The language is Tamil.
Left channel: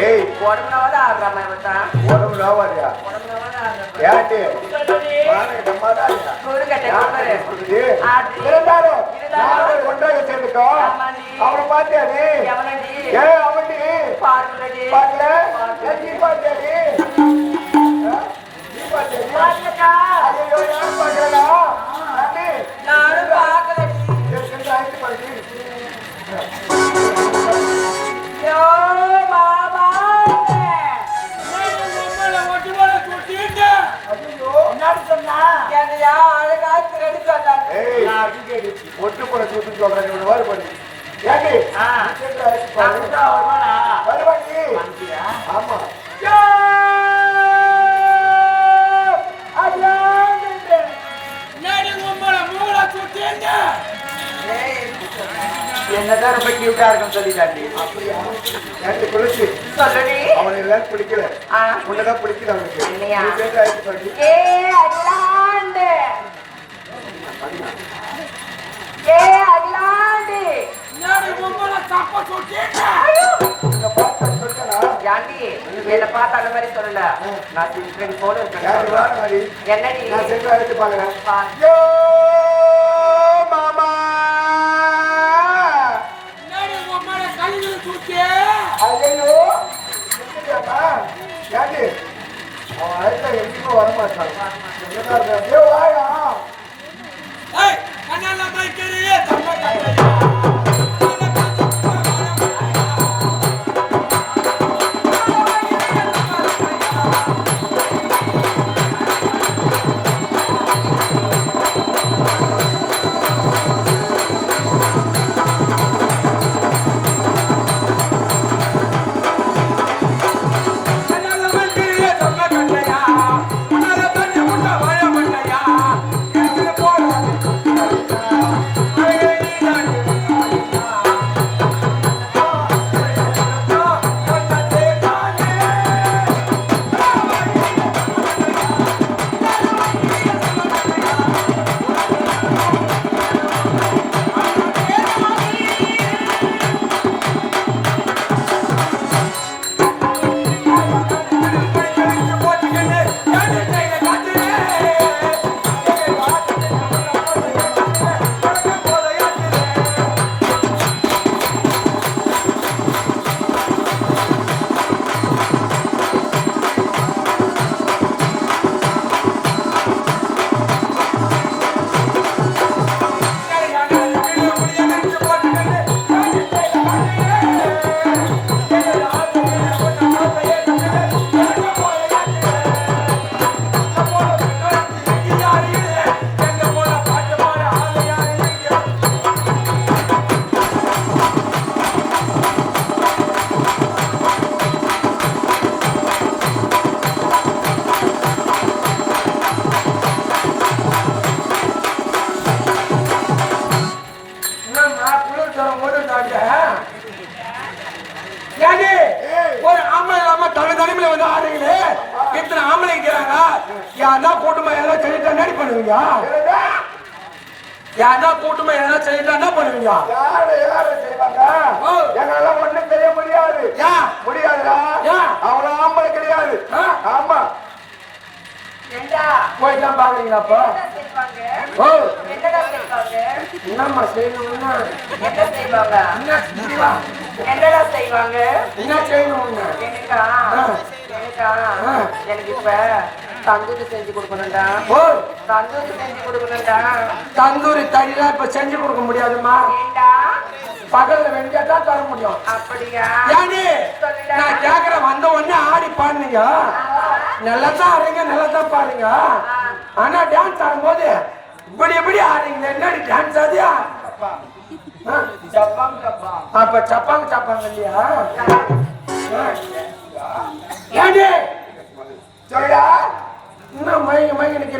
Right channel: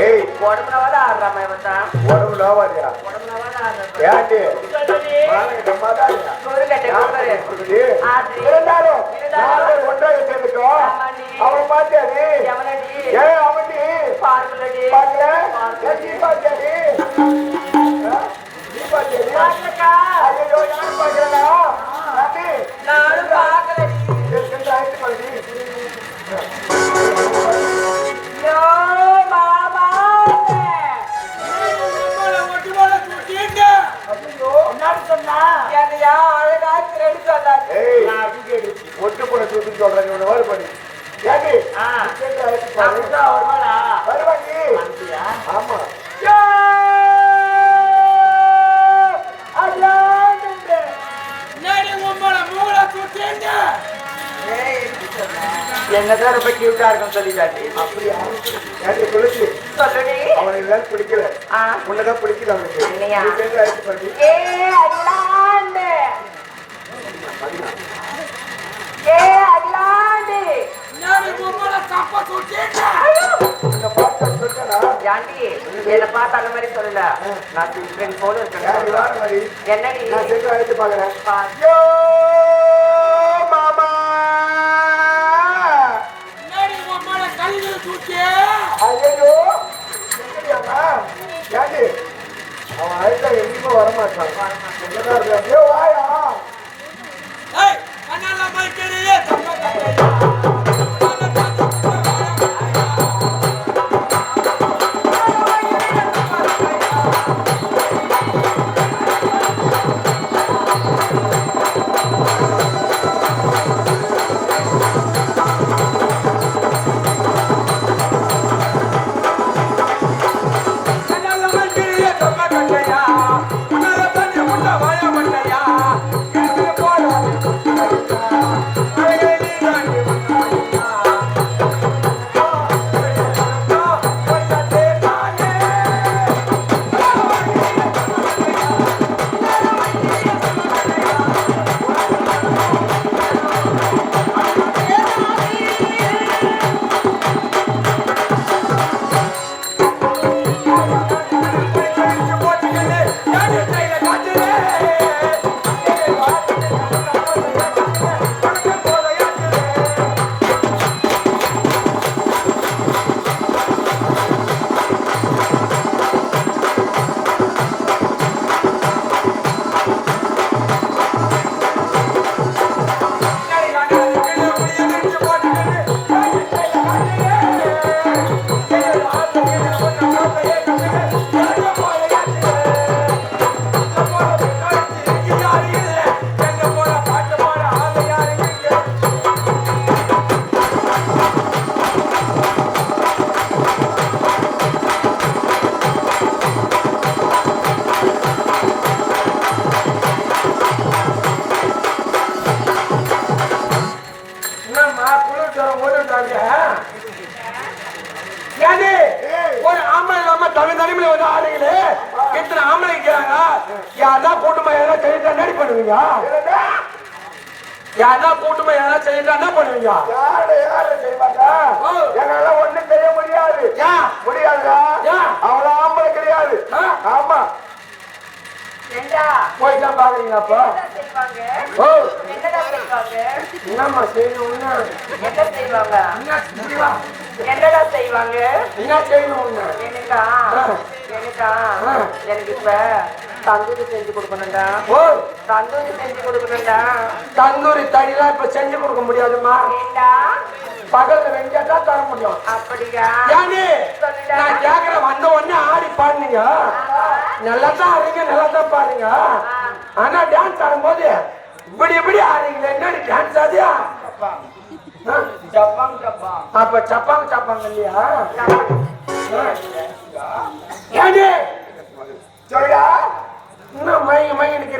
ஏய் உடம்புல ஆடுறாமா மச்சான் உடம்புல ஆவாதியா ஏன்டி ஒன்றாக சேர்ந்துக்கோ அவனை பாத்தியாடி ஏன் அவன்டி பார்க்கல நீ பாத்தியாடி நீ பாத்தியாடி ஒட்டு கூட தூக்கி சொல்றேன் இந்த மாதிரி பண்ணி ஏடி வருவாடி ஆமா என்னதான் ரொம்ப கியூட்டா இருக்கும் சொல்லிட்டாண்டி எனக்கு பிடிச்சி சொல்லுடி அவனுக்கு எல்லாம் பிடிக்கல உன்னதான் பிடிக்கல அவனுக்கு இல்லையா என்ன பார்த்த அந்த மாதிரி சொல்லல நான் டிஃபரெண்ட் போல இருக்கேன் என்னடி எடுத்து பாக்குறேன் மாமா கல்வியில தூக்கி ஐயோ ஏடி அவன் அழைத்தா எங்கேயும் வரமாட்டான் வாயா கண்ணால மைக்கறியே தம்ம கட்டையா யாரா கூட்டமா என்ன செய்யலாம் என்ன பண்ணுவீங்க யாரு செய்வாங்க என்னால ஒண்ணும் செய்ய முடியாது முடியாதுடா அவ்வளவு ஆம்பளை கிடையாது ஆமா போய்தான் பாக்குறீங்களாப்பா என்னம்மா செய்யணும் என்ன செய்வாங்க என்னடா செய்வாங்க என்ன செய்யணும் எனக்கு இப்ப தந்தூரி செஞ்சு கொடுக்கணும்டா தந்தூரி செஞ்சு கொடுக்கணும்டா தந்தூரி தனியா இப்ப செஞ்சு கொடுக்க முடியாதுமா பகல்ல வெஞ்சா தர முடியும் அப்படியா நான் கேக்குறேன் வந்த உடனே ஆடி பாடுனீங்க நல்லதான் ஆடுங்க நல்லதான் பாடுங்க ஆனா டான்ஸ் ஆடும்போது இப்படி எப்படி ஆடுறீங்களே என்ன டான்ஸ் ஆதியா அப்ப சப்பாங்க இல்லையா சொல்லியா இன்னும் மயங்கி நிக்கிறீங்க